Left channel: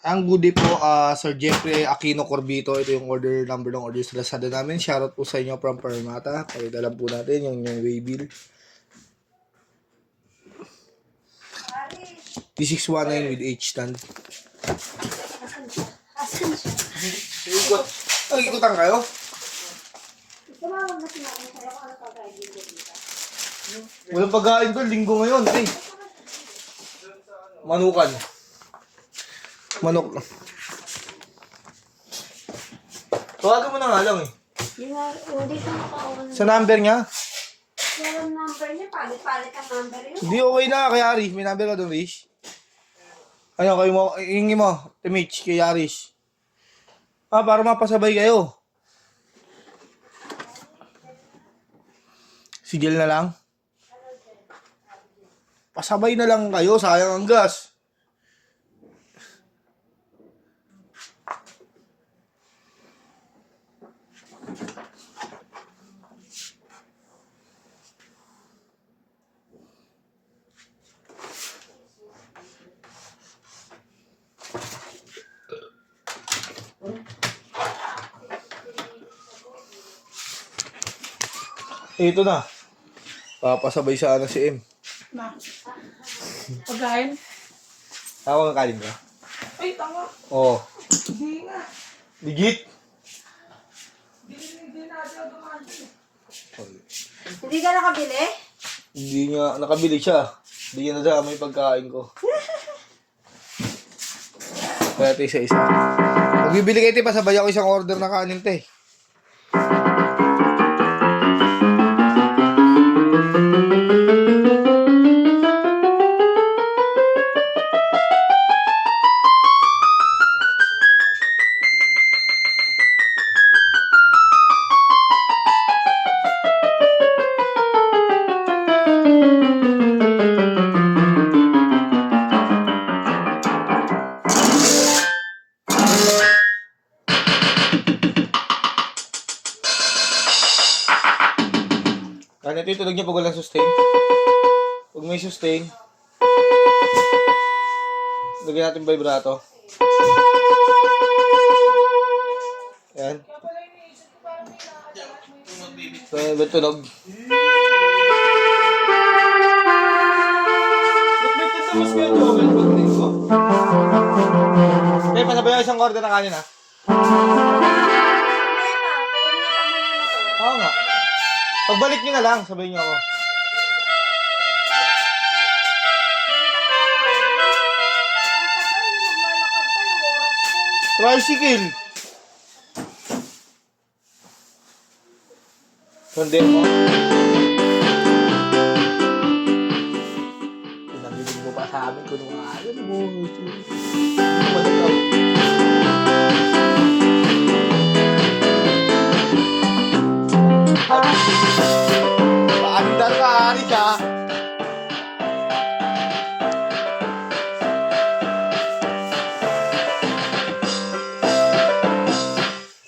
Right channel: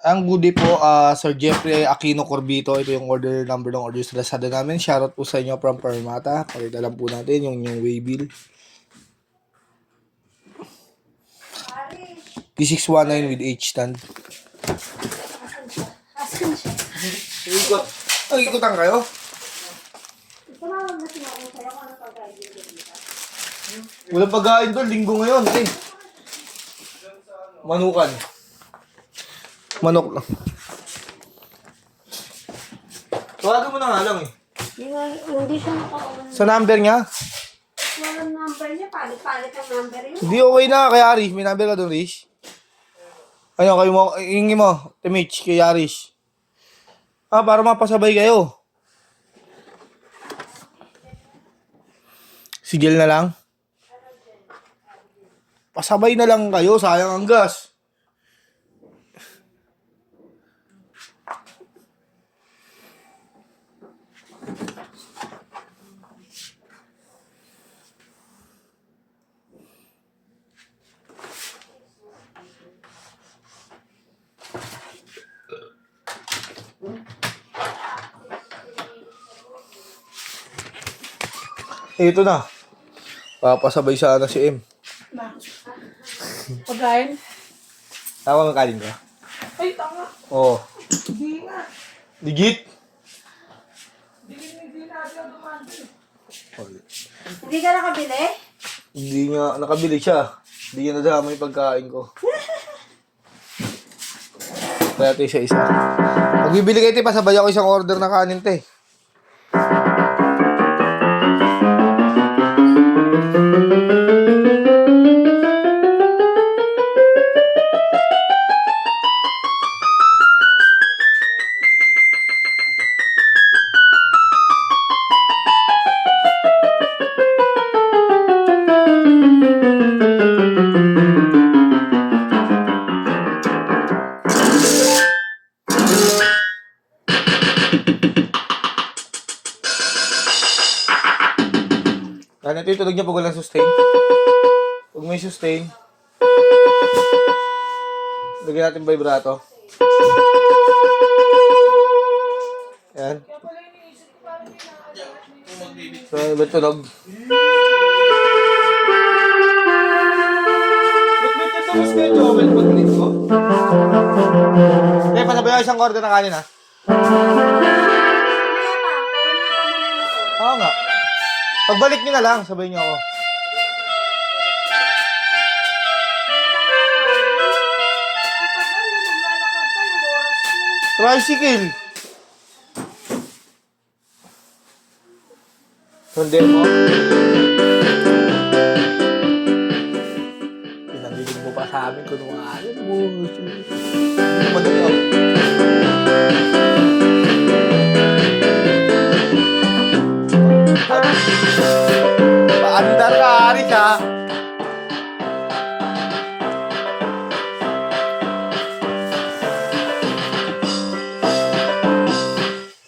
Ang goodie po, Sir Jeffrey Aquino Corbito. Ito yung order number ng order sa Lazada namin. Shoutout po sa inyo from Parmata. Pakita lang po natin yung waybill. T619 with H-stand. Ikot. Ikutan kayo? Walang pagkain doon. Linggo ngayon. Eh. Manukan. Manok lang. Tawagan mo na nga lang eh. Hindi siya makaon. Sa number nga? Walang number niya. Palit-palit ang number yun. Hindi okay na kay Aris. May number ka doon, Rish. Ayun, kayo mo. Hingi mo. Timich kay Aris. Para mapasabay kayo. Sigil na lang. Pasabay na lang kayo. Sayang ang gas. Ito na. Papasabay sana si M. Na. Pagkain? Tawag ang kanin ka? Ay, tama. Oo. Hindi nga. Digit? Hindi natin dumandi. Hindi ka nakabili? Hindi nga. Nakabili siya. Hindi niya nadama yung pagkain ko. Kaya ito isa-isa. Pag bibili kayo, pasabay ako isang order na kanin, te. Ganito yung tulog niya pag walang sustain. Pag may sustain, lagyan natin vibrato. Ayan. So, iba tunog. Ba't ito mas kayo double pag-ulit ko? Okay, pasabay ako isang order na kanin ha. Oo nga. Pagbalik nyo na lang, sabay nyo ako. Tricycle. Sundin mo. Pinamilig mo pa sa amin kung ano mo. Hindi mo nag-up. Paandar ka, Aris, ha?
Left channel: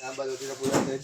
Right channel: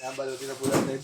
Ayan, balutin na po natin.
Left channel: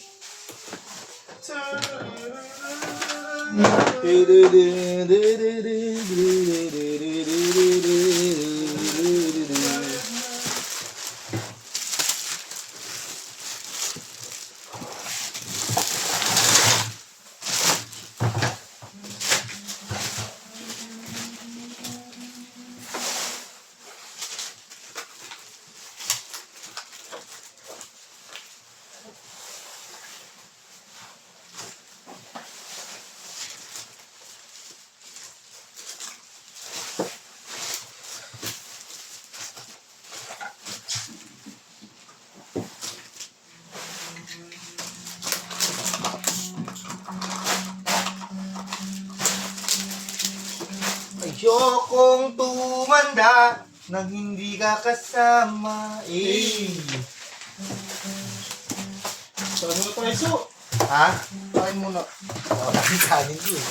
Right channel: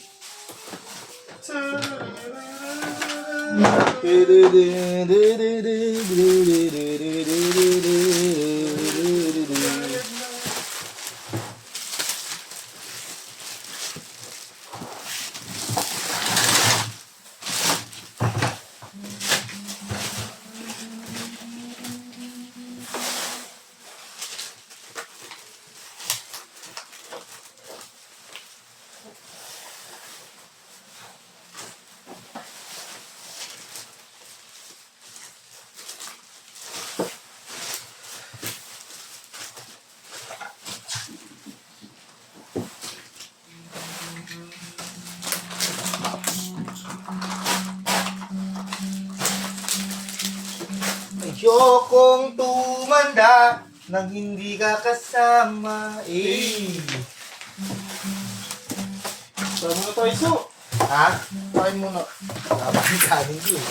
Ayokong tumanda nang hindi ka kasama. Saan mo ito, Iso? Ha? Kain muna. Dapat yung kanin ko eh.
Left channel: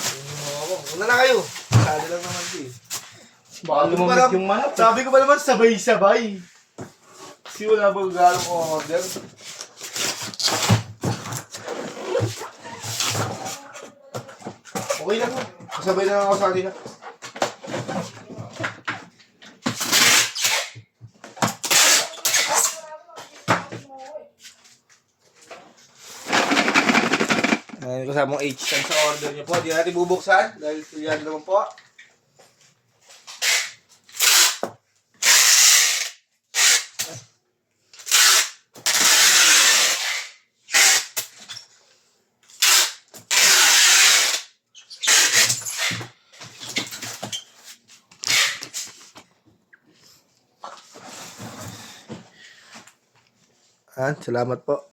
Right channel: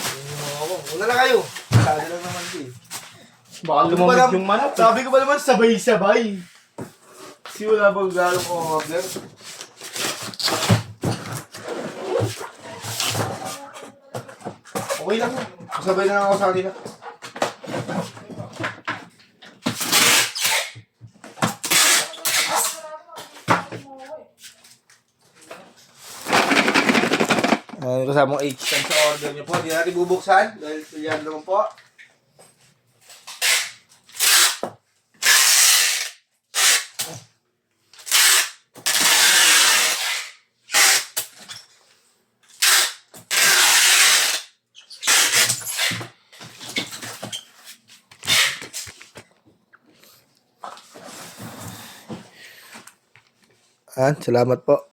Una na kayo. Sali lang naman ko eh. Baka lumamig yung manap. Sabi ko pa naman sabay-sabay. Kasi wala bang galong order. Okay lang mo. Kasabay na lang ako sa kanila. Kasamang H yan sa order niyo po. Hindi natin bubuksan. Dahil yan naman po. Salamat po.